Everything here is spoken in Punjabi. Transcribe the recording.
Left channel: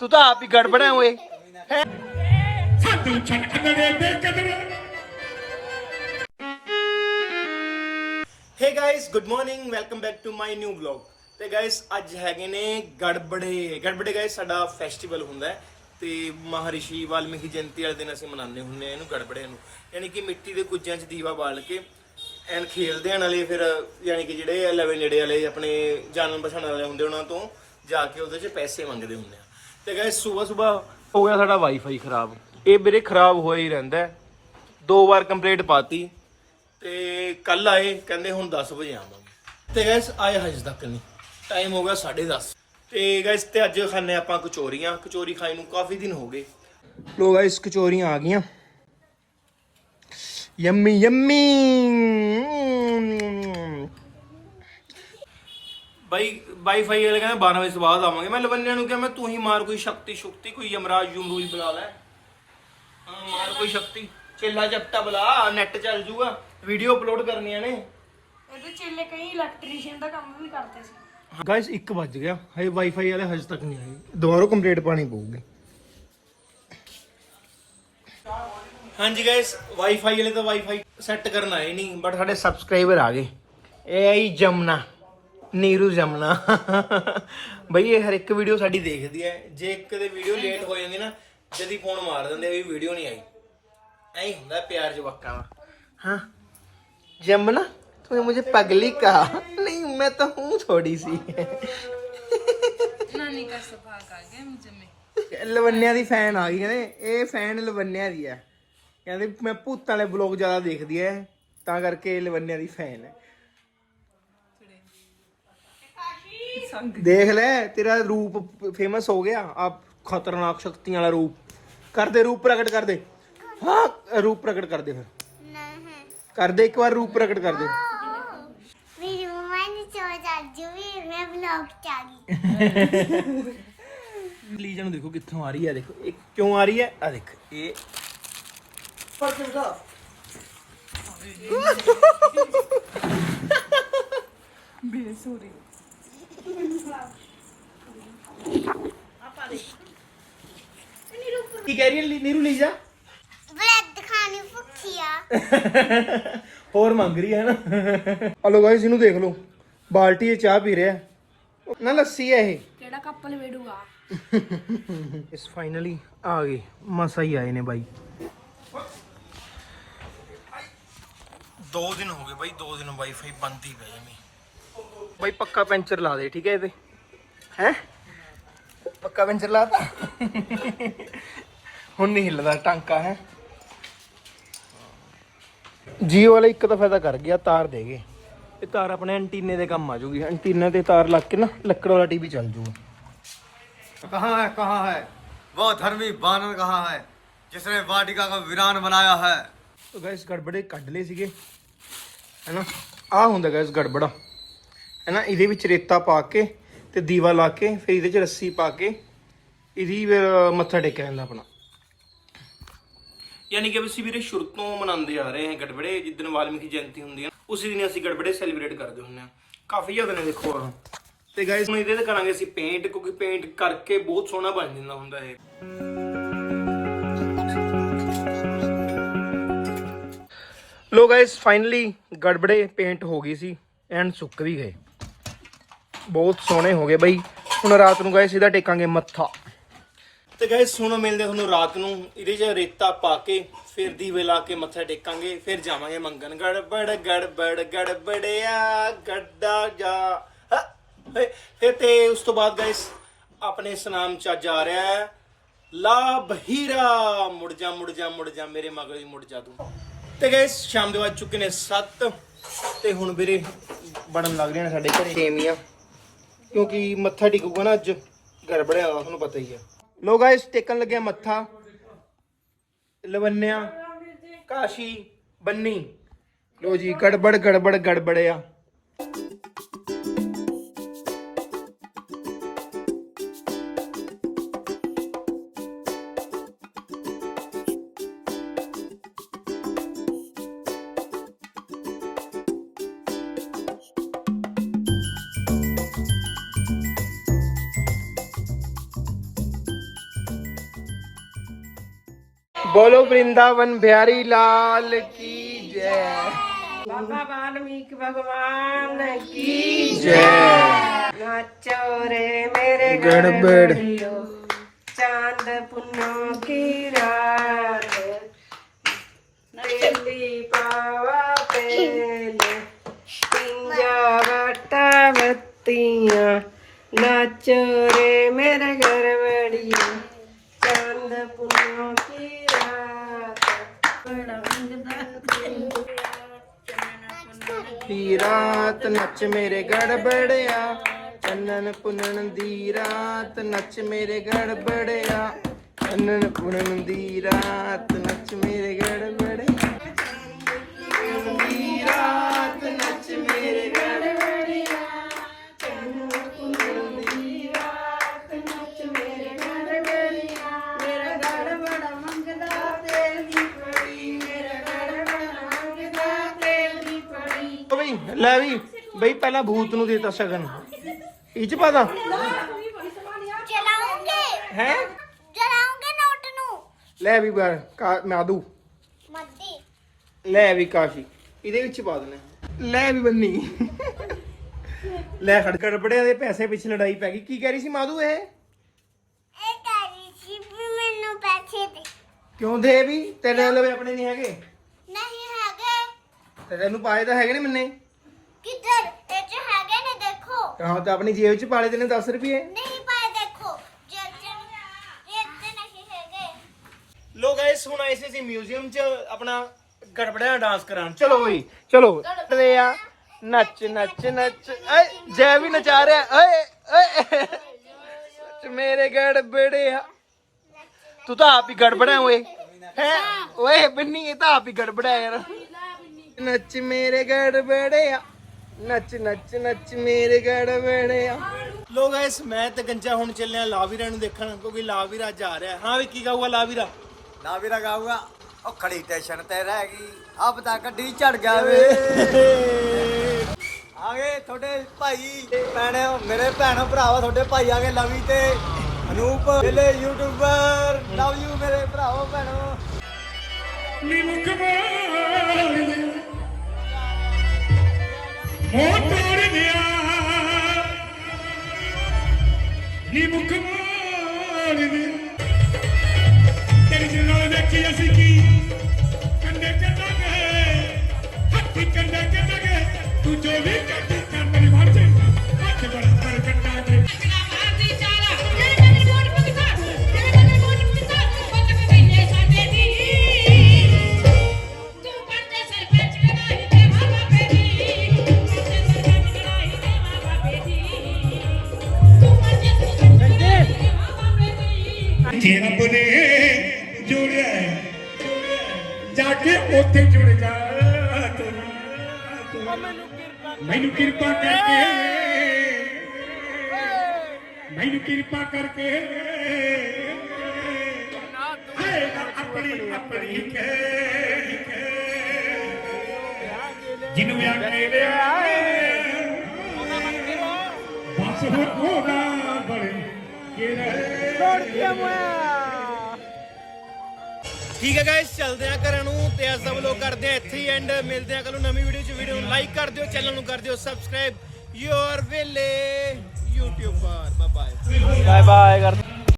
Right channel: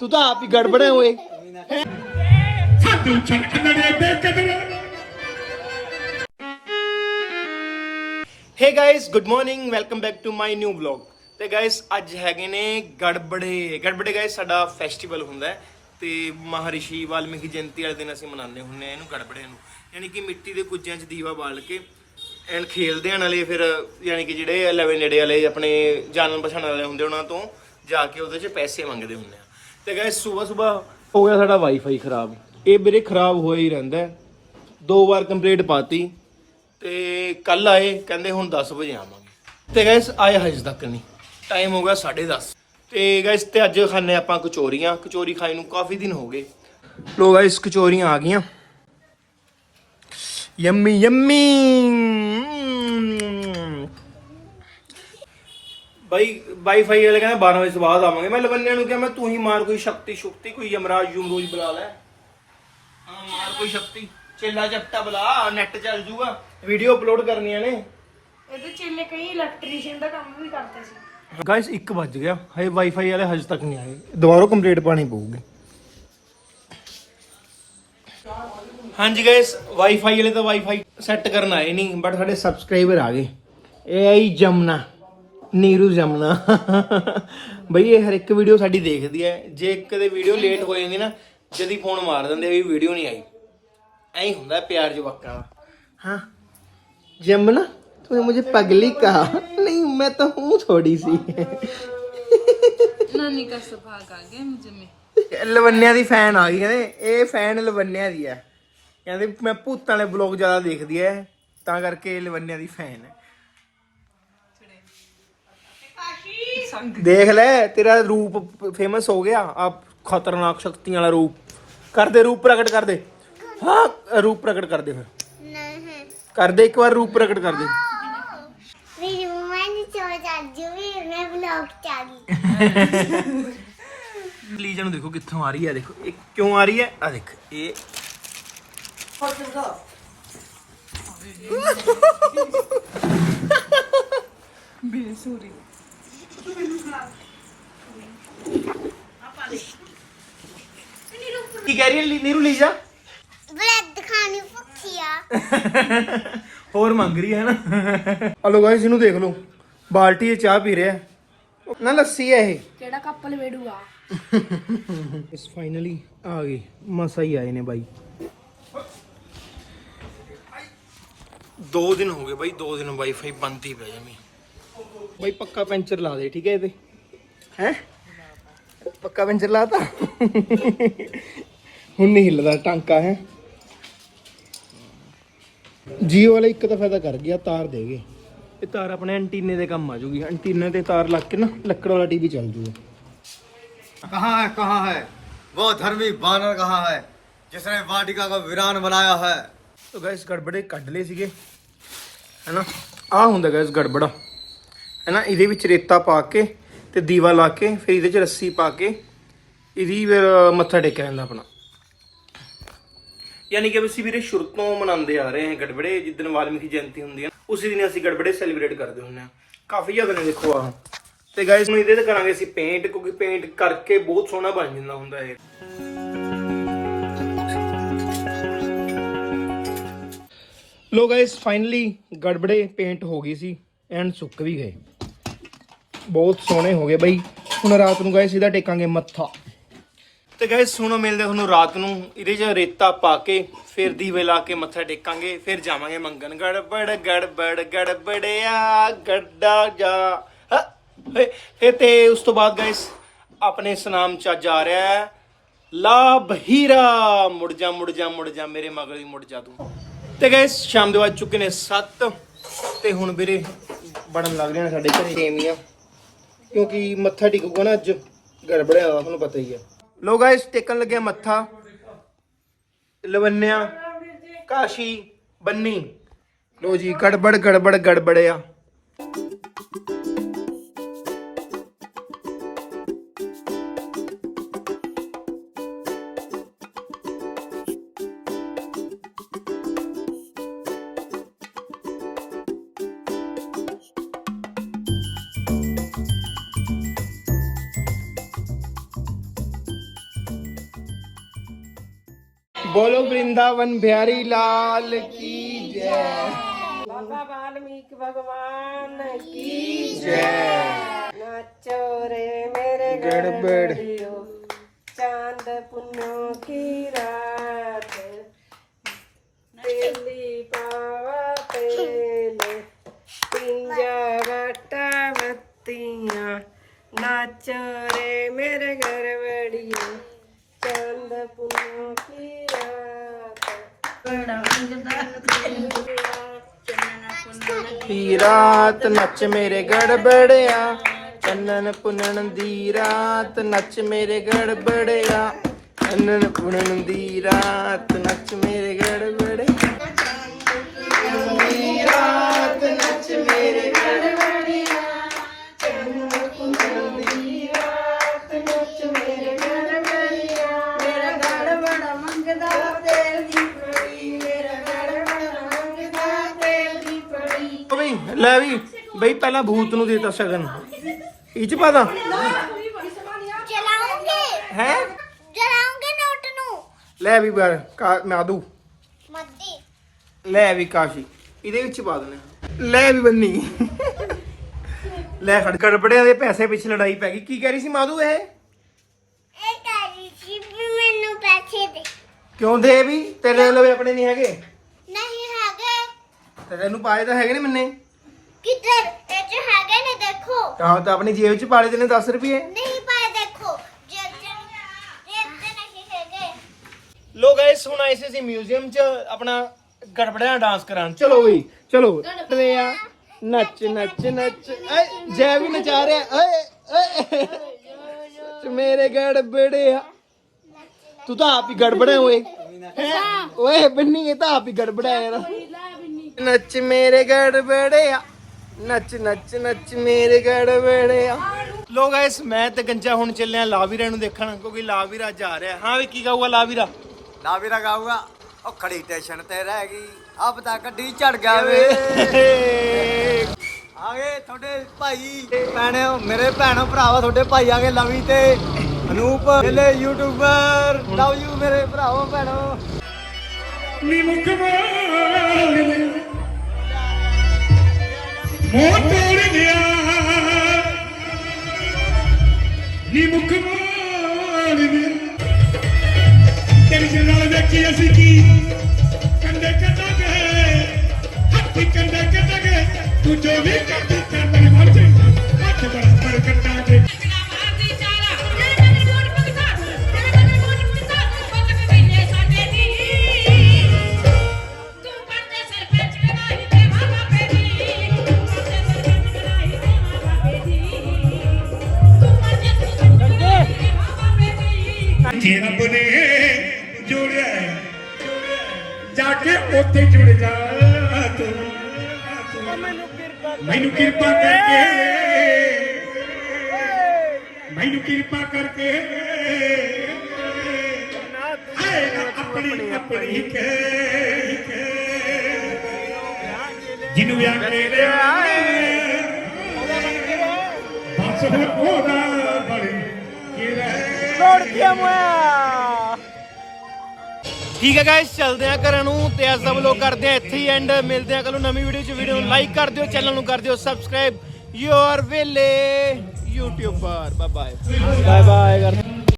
ਤੂੰ ਤਾਂ ਆਪ ਹੀ ਗੜਬੜ ਹੈ ਓਏ hey guys good morning welcome back to my new vlog ਤੇ ਗਾਇਸ ਅੱਜ ਹੈਗੇ ਨੇ ਗੜਬੜੇ। ਗੜਬੜੇ ਗਾਇਸ ਸਾਡਾ ਫੈਸਟੀਵਲ ਹੁੰਦਾ ਹੈ। ਤੇ ਮਹਾਰਿਸ਼ੀ ਵਾਲਮੀਕੀ ਜਯੰਤੀ ਵਾਲੇ ਦਿਨ ਅਸੀਂ ਮਨਾਉਂਦੇ ਹੁੰਦੇ ਆ ਇਹਨੂੰ ਗੜਬੜੇ ਨੂੰ। ਯਾਨੀ ਕਿ ਮਿੱਟੀ ਦੇ ਕੁੱਜਿਆਂ 'ਚ ਦੀਵਾ ਬਾਲ ਕੇ ਐਨ ਖੇਲਦੇ ਹਨ ਵਾਲੇ ਫਿਰ ਯਾਨੀ ਕਿ ਜਿਹੜੇ 11 ਨੇੜੇ ਵਾਲੇ ਆਪਣੇ ਜਾਣਨ ਪਛਾਣਨ ਵਾਲੇ ਹੁੰਦੇ ਉਹਨਾਂ ਤੋਂ ਜਾ ਕੇ ਉਹਦੇ 'ਚ ਪੈਸੇ ਮੰਗਦੇ ਹੁੰਦੇ ਆ। ਤੇ ਗਾਇਸ ਸਵੇਰ ਸਵੇਰ ਹੋ ਗਿਆ ਸਾਡਾ ਵਾਈਫਾਈ ਖਰਾਬ। ਇਹ ਵੀਰੇ ਖਰਾਬ ਹੋਇਆ ਹੀ ਰਹਿੰਦਾ ਦੋ ਵਾਰ ਕੰਪਲੀਟ ਪਾਤੀ। ਤੇ ਕੱਲ ਆਏ, ਕਹਿੰਦੇ ਹੁਣ 10 ਵਜੇ ਆਵਾਂਗੇ। ਤੇ ਗਾਇਸ ਆਏ ਹਜੇ ਤੱਕ ਨਹੀਂ। ਟਾਈਮ ਹੋ ਗਿਆ 10:30 ਤੇ ਗਾਇਸ ਤੇ ਅੱਜ ਖਾਣੇ ਆਪਾਂ ਕਚੋਰੀਆਂ। ਕਚੋਰੀ ਖਾਈ ਨੂੰ ਕਾਫੀ ਦਿਨ ਹੋ ਗਏ। ਲੋ ਗਾਇਸ ਕਚੋਰੀਆਂ ਆ ਗਈਆਂ। Yummy yummy. ਬਾਈ ਵਾਈਫਾਈ ਵਾਲੇ ਕਹਿੰਦੇ 12 ਵਜੇ ਤੋਂ ਬਾਅਦ ਆਵਾਂਗੇ। ਮੈਂ ਲਵੰਨਿਆਂ ਨੂੰ ਕਿਹਾ ਮੈਂ ਤੂੰ ਹੀ ਮਾਰ ਕੋਈ ਸ਼ਕਤੀ ਸ਼ੁਕਤੀ ਕੋਈ ਯਮਰਾਜ ਯਮਰੂਜ ਬੁਲਾ ਲੈ। ਹਾਂ ਮਾਰ ਕੋਈ ਸ਼ਕਤੀ। ਚੇਲਾ ਜਪਟਾ ਬੁਲਾ ਨੈਟ ਚੱਲ ਜੂਗਾ। ਵੀਡੀਓ ਅਪਲੋਡ ਕਰਨੀਆਂ ਨੇ। ਇਹਦੇ ਚੇਲੇ ਕਈ ਇਲੈਕਟ੍ਰੀਸ਼ੀਅਨ ਦਾ ਕੰਮ ਵੀ ਕਰਦੇ ਸੀ। ਗਾਇਸ 1 ਵੱਜ ਗਿਆ। ਹਜੇ ਵਾਈਫਾਈ ਵਾਲੇ ਹਜੇ ਤੱਕ ਨਹੀਂ ਆਏ। ਦੁਬਾਰਾ ਕੰਪਲੀਟ ਪਾਣੀ ਪਊਗੀ। ਹਾਂਜੀ ਗਾਇਸ ਵਾਈਫਾਈ ਵਾਲੇ ਤਾਂ ਵਾਈਫਾਈ ਸੈੱਟ ਕਰਨ ਆਏ ਨਹੀਂ ਬਟ ਸਾਡੇ ਸਬਸਕ੍ਰਾਈਬਰ ਆ ਗਏ। ਇਹ ਆਈ ਜਮਨਾ ਨੀਰੂ ਜਮਨਾ। ਬਈ ਇਹ ਹਰ ਇੱਕ ਵੀਡੀਓ ਸਾਡੀ ਦੇਖਦੀ ਹੈ ਜੇ ਕਦੇ ਵੀਡੀਓ ਲੇਟ ਹੋ ਜਾਂਦੀ ਨਾ ਜਦੀ ਫੋਨ ਮਾਰ ਦਿੰਦੇ ਵੀ ਵੀਡੀਓ ਨਹੀਂ ਆਈ। ਐਂ ਹੁੰਦਾ ਪਿਆਰ ਜਵਾਕਾਂ ਦਾ। ਹਾਂ ਜਮਨਾ ਤੂੰ ਮੈਨੂੰ ਪਗਲੀ ਕਹਾ। ਨਹੀਂ ਮੈਂ ਤਾਂ ਹੂੰ ਥੋੜੀ ਸੀ। ਨਾਨੀ ਦਾ ਸੁਭਾਗ ਆ ਗਿਆ ਮੁਝੇ ਮੈਂ। ਲਵੰਨਿਆ ਦੀ ਫੈਨ ਆ ਗਈ ਕਹਿੰਦੇ ਇਹ ਫੈਨ ਲਵੰਨਿਆ ਦੀ ਆ ਕਹਿੰਦੇ ਮੈਂ ਭੂਤਾਂ ਵਾਲੇ ਬਲੌਗ ਜ਼ਿਆਦਾ ਦੇਖਦੀ ਐ। ਤਾਂ ਕਰਕੇ ਲਵੰਨਿਆ ਦੀ ਫੈਨ ਐ। ਹੈ ਦੇਖ ਲੈ ਤੇਰਾ ਰੂਪ ਫੇਮਸ ਹੋ ਗਿਆ। ਆਪ ਖਤਰਨਾਕ ਸ਼ਕਤੀਆਂ ਵਾਲਾ ਰੂਪ। ਕਰਦੇ ਰੂਪ ਪ੍ਰਗਟ ਕਰਦੇ ਹਾਂ ਰੂਪ ਪ੍ਰਗਟ ਕਰਦੇ ਫਿਰ। ਕਰਦੇ ਇੱਕ ਵਾਰ ਰੂਪ ਪ੍ਰਗਟ ਕਰਦੇ ਮੇਰੀ ਮੰਮਾ ਨੇ ਚੋਰ ਅੱਜ ਵੀ ਮੈਂ ਵਲੌਗ ਚ ਆ ਗਈ। ਲੀਜਾ ਨੂੰ ਦੇਖੋ ਕਿੱਥੋਂ ਆ ਰਹੀ ਹੈ ਦੇਖੋ। ਇਹ ਕਿਉਂ ਆ ਰਹੀ ਹੈ? ਆ ਦੇਖ ਇਹ ਕੀ ਕਹਿ ਰਹੀ ਹੈ ਲੀ- ਨੀਰੂ ਲੀਜਾ? ਬ੍ਰੈਡ ਖਾਣੀ ਭੁੱਖੀ ਆ। ਹੋਰ ਮੰਗ ਰਹੀ ਹੈ ਨਾ। ਹਲੋ ਗਾਇਸ ਇਹਨੂੰ ਦੇਖ ਲਓ। ਬਾਲਟੀ 'ਚ ਚਾਹ ਪੀ ਰਿਹਾ ਹੈ। ਨਾ ਲੱਸੀ ਹੈ ਇਹ। ਕਿਹੜਾ ਕੱਪ ਲਵੇੜੂਗਾ ਇਸ ਫਾਈਨਲੀ ਆ ਗਏ। ਮਸਾ ਹੀ ਆਏ ਨੇ ਬਾਈ। ਦੋ ਦਿਨ ਹੋ ਗਏ ਬਾਈ ਦੋ ਦਿਨ ਵਾਈਫਾਈ ਬੰਦ ਹੀ ਪਿਆ ਜਮੀ ਬਾਈ ਪੱਕਾ ਪੈਂਚਰ ਲਾ ਦੇ ਠੀਕ ਹੈ ਇਹਦੇ ਹੈ ਪੱਕਾ ਪੈਂਚਰ ਲਾਤਾ ਹੁਣ ਨਹੀਂ ਹਿੱਲਦਾ ਟਾਂਕਾ ਹੈ ਜੀਓ ਵਾਲਾ ਇੱਕ ਤਾਂ ਫਾਇਦਾ ਕਰ ਗਿਆ ਤਾਰ ਦੇ ਗਏ ਇਹ ਤਾਰ ਆਪਣੇ ਐਂਟੀਨੇ ਦੇ ਕੰਮ ਆ ਜੂਗੀ ਐਂਟੀਨੇ ਤੇ ਤਾਰ ਲੱਗ ਕੇ ਨਾ ਲੱਕੜ ਵਾਲਾ ਟੀਵੀ ਚੱਲ ਜੂਗਾ कहाँ है कहाँ है वो धर्मी बानर कहाँ है जिसने वाटिका को वीरान बनाया है ਤੋ ਗਾਇਸ ਗੜਬੜੇ ਕੱਢ ਲਏ ਸੀਗੇ ਹੈਨਾ ਆ ਹੁੰਦਾ ਗਾਇਸ ਗੜਬੜਾ ਹੈਨਾ ਇਹਦੇ ਵਿੱਚ ਰੇਤਾ ਪਾ ਕੇ ਤੇ ਦੀਵਾ ਲਾ ਕੇ ਫਿਰ ਇਹਦੇ 'ਚ ਰੱਸੀ ਪਾ ਕੇ ਇਹਦੀ ਫਿਰ ਮੱਥਾ ਟੇਕਿਆ ਜਾਂਦਾ ਆਪਣਾ। ਯਾਨੀ ਕਿ ਅਸੀਂ ਵੀਰੇ ਸ਼ੁਰੂ ਤੋਂ ਮਨਾਉਂਦੇ ਆ ਰਹੇ ਹਾਂ ਗੜਬੜੇ ਜਿੱਦਣ ਵਾਲਮੀਕੀ ਜਯੰਤੀ ਹੁੰਦੀ ਹੈ ਉਸੇ ਦਿਨ ਅਸੀਂ ਗੜਬੜੇ ਸੈਲੀਬ੍ਰੇਟ ਕਰਦੇ ਹੁੰਦੇ ਹਾਂ ਕਾਫੀ ਜ਼ਿਆਦਾ ਨੇ ਦੇਖੋ ਆਹ। ਤੇ ਗਾਇਸ ਨੂੰ ਇਹਦੇ ਤੇ ਕਰਾਂਗੇ ਅਸੀਂ ਪੇਂਟ ਕਿਉਂਕਿ ਪੇਂਟ ਕਰਕੇ ਬਹੁਤ ਸੋਹਣਾ ਬਣ ਜਾਂਦਾ ਹੁੰਦਾ ਇਹ। ਲੋ ਗਾਇਸ ਫਾਈਨਲੀ ਗੜਬੜੇ ਪੇਂਟ ਹੋ ਗਈ ਸੀ। ਐਂਡ ਸੁੱਕ ਵੀ ਗਏ। ਬਹੁਤ ਸੋਹਣੇ ਹੋ ਗਏ ਬਈ। ਹੁਣ ਰਾਤ ਨੂੰ ਗਾਇਸ ਇਹਦਾ ਟੇਕਾਂਗੇ ਮੱਥਾ। ਤੇ ਗਾਇਸ ਹੁਣ ਮਿਲਦੇ ਤੁਹਾਨੂੰ ਰਾਤ ਨੂੰ। ਇਹਦੇ 'ਚ ਰੇਤਾ ਪਾ ਕੇ ਫਿਰ ਦੀਵੇ ਲਾ ਕੇ ਮੱਥਾ ਟੇਕਾਂਗੇ, ਫਿਰ ਜਾਵਾਂਗੇ ਮੰਗਣ। ਗੜਬੜ ਗੜਬੜ, ਗੜਬੜਿਆ, ਗੱਡਾ ਜਾ। ਫਿਰ ਤੇ ਉਸ ਤੋਂ ਬਾਅਦ ਗਾਇਸ ਆਪਣੇ ਸਨਾਮ ਚ ਜਾ ਰਿਹਾ ਹੈ। ਲਾ ਬਹੀਰਾ। ਮੁੜ ਜਾ ਮੁੜ ਜਾ ਮੁੜ ਜਾ, ਮੇਰੇ ਮਗਰ ਹੀ ਮੁੜ ਜਾ ਤੂੰ। ਤੇ ਗਾਇਸ ਸ਼ਾਮ ਦੇ ਵੱਜ ਚੁੱਕੇ ਨੇ 7 ਤੇ ਹੁਣ ਵੀਰੇ ਬਣਨ ਲੱਗ ਰਹੇ ਨੇ ਸਾਡੇ ਘਰੇ। ਸੇਮੀਆਂ। ਕਿਉਂਕਿ ਮੱਥਾ ਟਿਕੂਗਾ ਨਾ ਅੱਜ ਗੜਬੜਿਆ ਦਾ ਤੁਹਾਨੂੰ ਪਤਾ ਹੀ ਹੈ ਲੋ ਗਾਇਸ ਟੇਕਣ ਲੱਗਿਆ ਮੱਥਾ। ਲਵੰਨਿਆ ਕਾਸ਼ੀ ਬੰਨੀ। ਲੋ ਜੀ ਗੜਬੜ ਗੜਬੜ ਗੜਬੜਿਆ। बोलो वृंदावन बिहारी लाल की जय बाबा वाल्मीकि भगवान की जय नाचो रे मेरे गड़बड़ ਦੀ ਰਾਤ ਨੱਚ ਮੇਰੇ ਗੜਬੜਿਆ, ਚੰਨਨ ਪੁੰਨਣ ਦੀ ਰਾਤ ਨੱਚ ਮੇਰੇ ਗੜਬੜਿਆ, ਚੰਨਨ ਪੁੰਨਣ ਦੀ ਰਾਤ ਨੱਚ ਮੇਰੇ ਗੜਬੜਿਆ। ਪਹਿਲਾਂ ਭੂਤ ਨੂੰ ਦੇਤਾ ਸ਼ਗਨ। ਇਹ ਚ ਪਾਦਾ ਚਲਾਉਂਗੇ। ਹੈ? ਜਲਾਉਂਗੇ ਨੋਟ ਨੂੰ। ਲੈ ਵੀ ਬਰ ਮਾਦੂ ਮੱਦੀ। ਲੈ ਵੀ ਕਾਸ਼ੀ। ਇਹਦੇ ਵਿੱਚ ਪਾ ਦਨੇ ਲੈ ਵੀ ਬੰਨੀ। ਲੈ ਫੜ। ਗੜਬੜਿਆਂ ਦੇ ਪੈਸੇ ਪਿੱਛੇ ਲੜਾਈ ਪੈ ਗਈ। ਕੀ ਕਹਿ ਰਹੀ ਸੀ ਮਾਦੂ ਇਹ? ਇਹ ਤਾਰੀ ਸੀ ਵੀ ਮੈਨੂੰ ਪੈਸੇ ਦੇ। ਕਿਉਂ ਦੇ ਵੀ? ਤੇਰੇ ਲਵੇ ਆਪਣੇ ਨਹੀਂ ਹੈਗੇ? ਨਹੀਂ ਹੈਗੇ। ਤੇਰੇ ਨੂੰ ਪਾਏ ਤਾਂ ਹੈਗੇ ਨੇ ਮੈਨੇ। ਕਿੱਧਰ ਦੇਖੋ। ਆਹ ਤਾਂ ਆਪਣੀ ਜੇਬ ਚ ਪਾ ਲਏ ਤੈਨੇ 10 ਰੁਪਏ। ਨਹੀਂ ਪਾਏ ਦੇਖੋ। ਜੇ ਜੇ ਤੇ ਨਹੀਂ ਹੈਗੇ। ਲੋ ਗਾਇਸ ਹੁਣ ਆਏ ਸੀ ਅਸੀਂ ਮਿਊਜ਼ੀਅਮ 'ਚ ਆਪਣਾ ਗੜਬੜਿਆਂ ਡਾਂਸ ਕਰਾਂ ਚਲੋ ਬਈ ਚਲੋ। ਗੜਬੜੇ ਆ। ਨੱਚ ਨੱਚ ਨੱਚ। ਏ ਜੈ ਵੀ ਨਚਾ ਰਿਹਾ। ਓਏ ਓਏ। ਨੱਚ ਮੇਰੇ ਗੜਬੜਿਆ ਤੂੰ ਤਾਂ ਆਪ ਹੀ ਗੜਬੜਾ ਓਏ। ਹੈ? ਓਏ ਬੰਨੀ ਇਹ ਤਾਂ ਆਪ ਹੀ ਗੜਬੜਾ ਯਾਰ। ਨੱਚ ਮੇਰੇ ਗੜਬੜਿਆ ਨੱਚ ਨੱਚ ਨੱਚ ਮੇਰੇ ਗੜਬੜਿਆ ਲੋ ਗਾਇਸ ਮੈਂ ਤੇ ਗੰਜਾ ਹੁਣ ਚੱਲਿਆ ਲਾਵੀਰਾ ਨੂੰ ਦੇਖਣ ਕਿਉਂਕਿ ਲਾਵੀਰਾ ਅੱਜ ਆ ਰਿਹਾ। ਹਾਂ ਵੀ ਕੀ ਗਾਊਗਾ ਲਾਵੀਰਾ? ਨਾ ਵੀ ਰਗਾਊਗਾ ਉਹ ਖੜੀ ਟੈਸ਼ਨ ਤੇ ਰਹਿ ਗਈ। ਅਬ ਤਾਂ ਗੱਡੀ ਚੜ ਗਿਆ ਵੇ। ਆਗੇ ਤੁਹਾਡੇ ਭਾਈ ਭੈਣੇ ਮੇਰੇ ਭੈਣ ਭਰਾਵਾ ਤੁਹਾਡੇ ਭਾਈ ਆਗੇ ਲਵੀ ਤੇ। ਅਨੂਪ ਜਿਹੜੇ ਯੂਟਿਊਬਰ ਲਵ ਯੂ ਮੇਰੇ ਭਰਾਵੋ ਭੈਣੋ। ਮੋਟੋਰ ਦਿਆ ਨੀ ਮੁਖ ਮਾਰ ਦਿਆ ਤੇਰੀ ਜਨਾਲ ਦੇਖੀ ਅਸੀਂ ਕੀ? ਕੰਡੇ ਕੱਟਾਂਗੇ ਹੱਥੀ ਕੰਡੇ ਕੱਟਾਂਗੇ ਤੂੰ ਜੋ ਵੀ ਕਰਦੀ ਤੇ ਰੱਬ ਨੇ ਜੋੜਿਆ। ਜਾ ਕੇ ਉੱਥੇ ਜੁੜ ਜਾ। ਤੂੰ ਮੈਨੂੰ ਕਿਰਪਾ ਕਰਕੇ ਮੈਨੂੰ ਕਿਰਪਾ ਕਰਕੇ। ਆਪਣੀ ਆਪਣੀ ਕਹਿ। ਜਿਹਨੂੰ ਆਖੇ ਦੇ ਬਸ ਉਹਦਾ ਬੜੀ ਕਿਰਾ ਠੀਕ ਹੈ ਗਾਇਸ ਚੱਲਦੇ ਆ ਘਰਾਂ ਨੂੰ ਤੇ ਅੱਜ ਦਾ ਵਲੋਗ ਕਰਦੇ ਆ ਇੱਥੇ ਹੀ ਐਂਡ ਮਿਲਦੇ ਆ ਕੱਲ ਨੂੰ ਨਵੀਂ ਵੀਡੀਓ ਚ ਵੀਡੀਓ ਨੂੰ ਲਾਈਕ ਕਰ ਦਿਓ ਚੈਨਲ ਨੂੰ ਕਰ ਦਿਓ ਸਬਸਕ੍ਰਾਈਬ ਯੂਅਰ ਵੇਲੇ YouTuber bye bye bye bye ਕਰ